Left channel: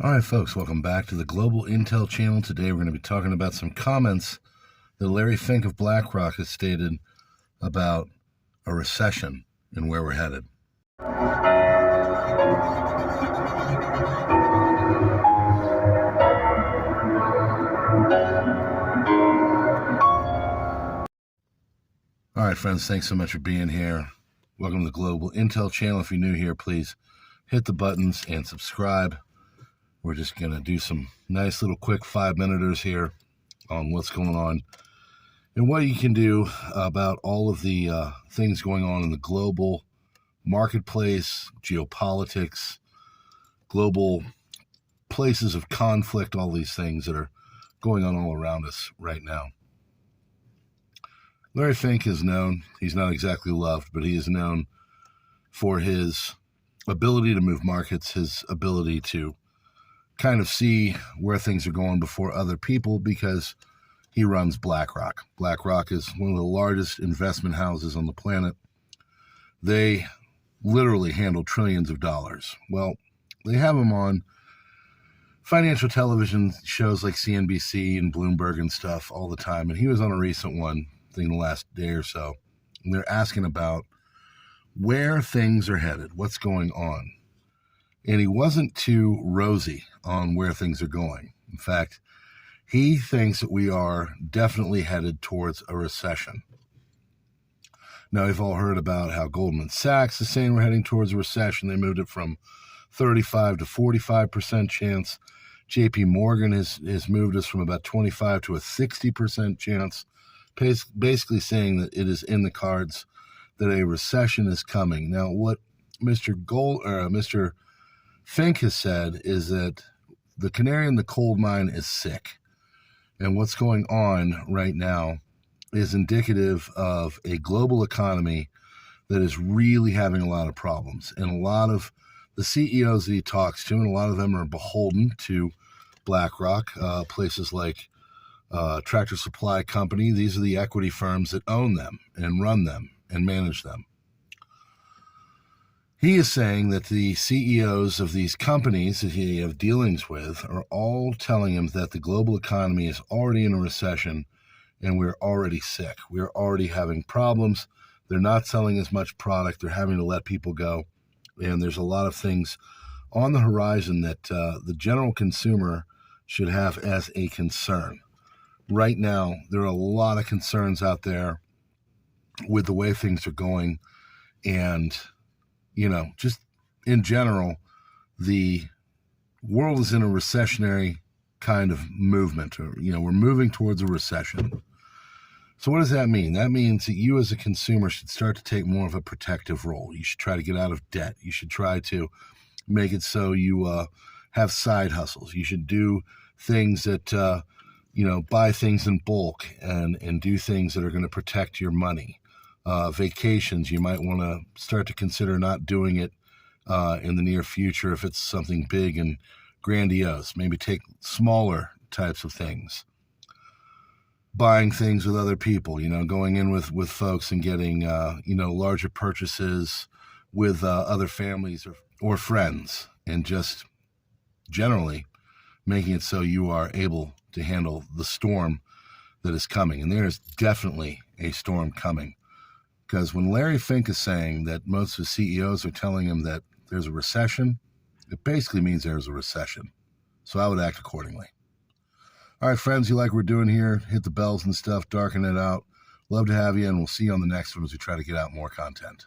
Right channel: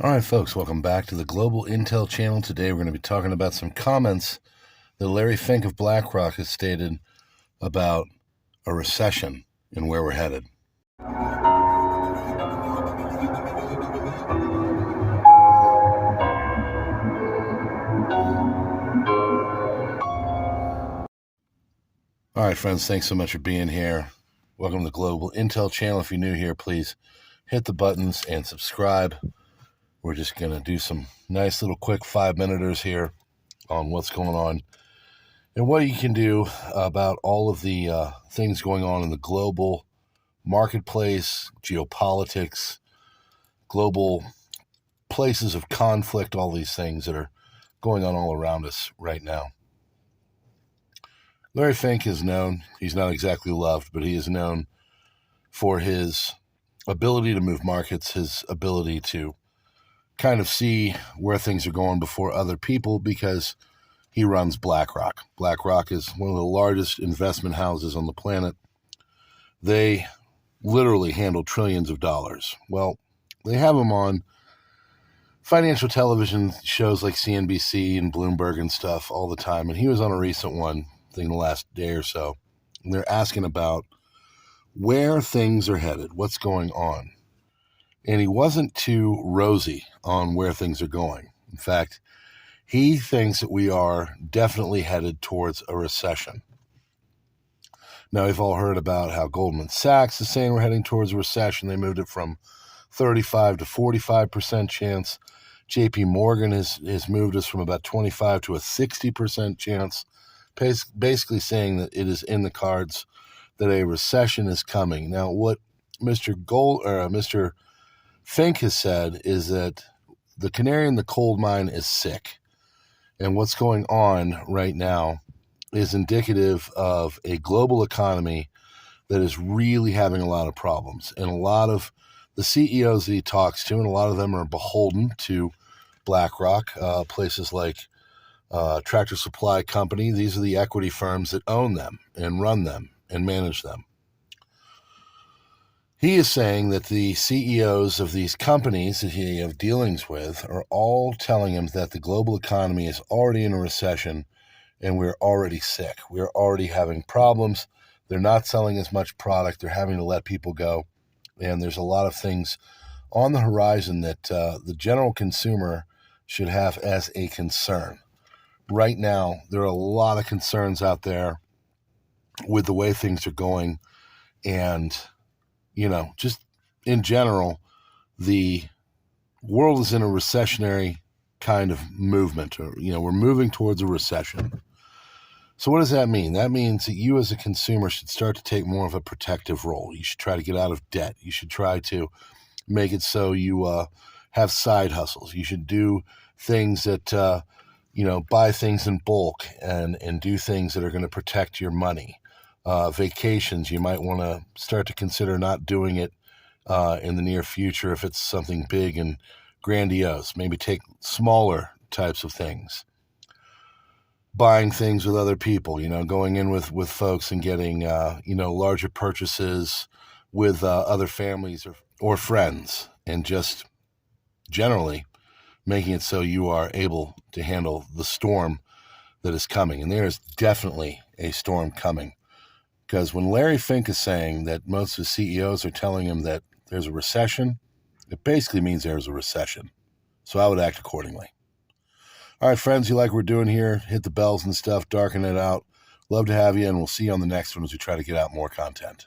All right, folks, welcome back to the Global Intel channel. Today we're going to be talking about some comments that Larry Fink of BlackRock has stated about a recession and where we're headed. All right, friends, thanks so much for being here. Welcome to the Global Intel channel. If you're new here, please hit the buttons and subscribe. We're just going to do some nice little quick 5-minuters here on what's going on and what you can do about all of the things going on in the global marketplace, geopolitics, global places of conflict, all these things that are going on all around us right now. Larry Fink is known, he's not exactly loved, but he is known for his ability to move markets, his ability to kind of see where things are going before other people, because he runs BlackRock. BlackRock is one of the largest investment houses on the planet. They literally handle trillions of dollars. Well, they have him on financial television shows like CNBC and Bloomberg and stuff all the time. And he was on a recent one, I think the last day or so. And they're asking about where things are headed, what's going on. And he wasn't too rosy on where things are going. In fact, he thinks that we are definitely headed towards a recession. Now, we've all heard about how Goldman Sachs is saying we're heading towards a recession. They moved it from 35 to 45% chance. JP Morgan has moved us from about 25 to a 60% chance, basically saying that it is in the cards that a recession is coming. Now, what Mr. Fink has said is that the canary in the coal mine is sick. And what's going on right now is indicative of a global economy that is really having a lot of problems. And a lot of the CEOs that he talks to, and a lot of them are beholden to BlackRock, places like Tractor Supply Company. These are the equity firms that own them and run them and manage them. He is saying that the CEOs of these companies that he has dealings with are all telling him that the global economy is already in a recession and we're already sick. We're already having problems. They're not selling as much product. They're having to let people go. And there's a lot of things on the horizon that the general consumer should have as a concern. Right now, there are a lot of concerns out there with the way things are going. And just in general, the world is in a recessionary kind of movement, or, we're moving towards a recession. So what does that mean? That means that you as a consumer should start to take more of a protective role. You should try to get out of debt. You should try to make it so you have side hustles. You should do things that, buy things in bulk and do things that are going to protect your money. Vacations, you might want to start to consider not doing it in the near future if it's something big and grandiose. Maybe take smaller types of things. Buying things with other people, going in with folks and getting, larger purchases with other families or friends, and just generally making it so you are able to handle the storm that is coming. And there is definitely a storm coming. Because when Larry Fink is saying that most of the CEOs are telling him that there's a recession, it basically means there's a recession. So I would act accordingly. All right, friends, you like what we're doing here? Hit the bells and stuff, darken it out. Love to have you, and we'll see you on the next one as we try to get out more content.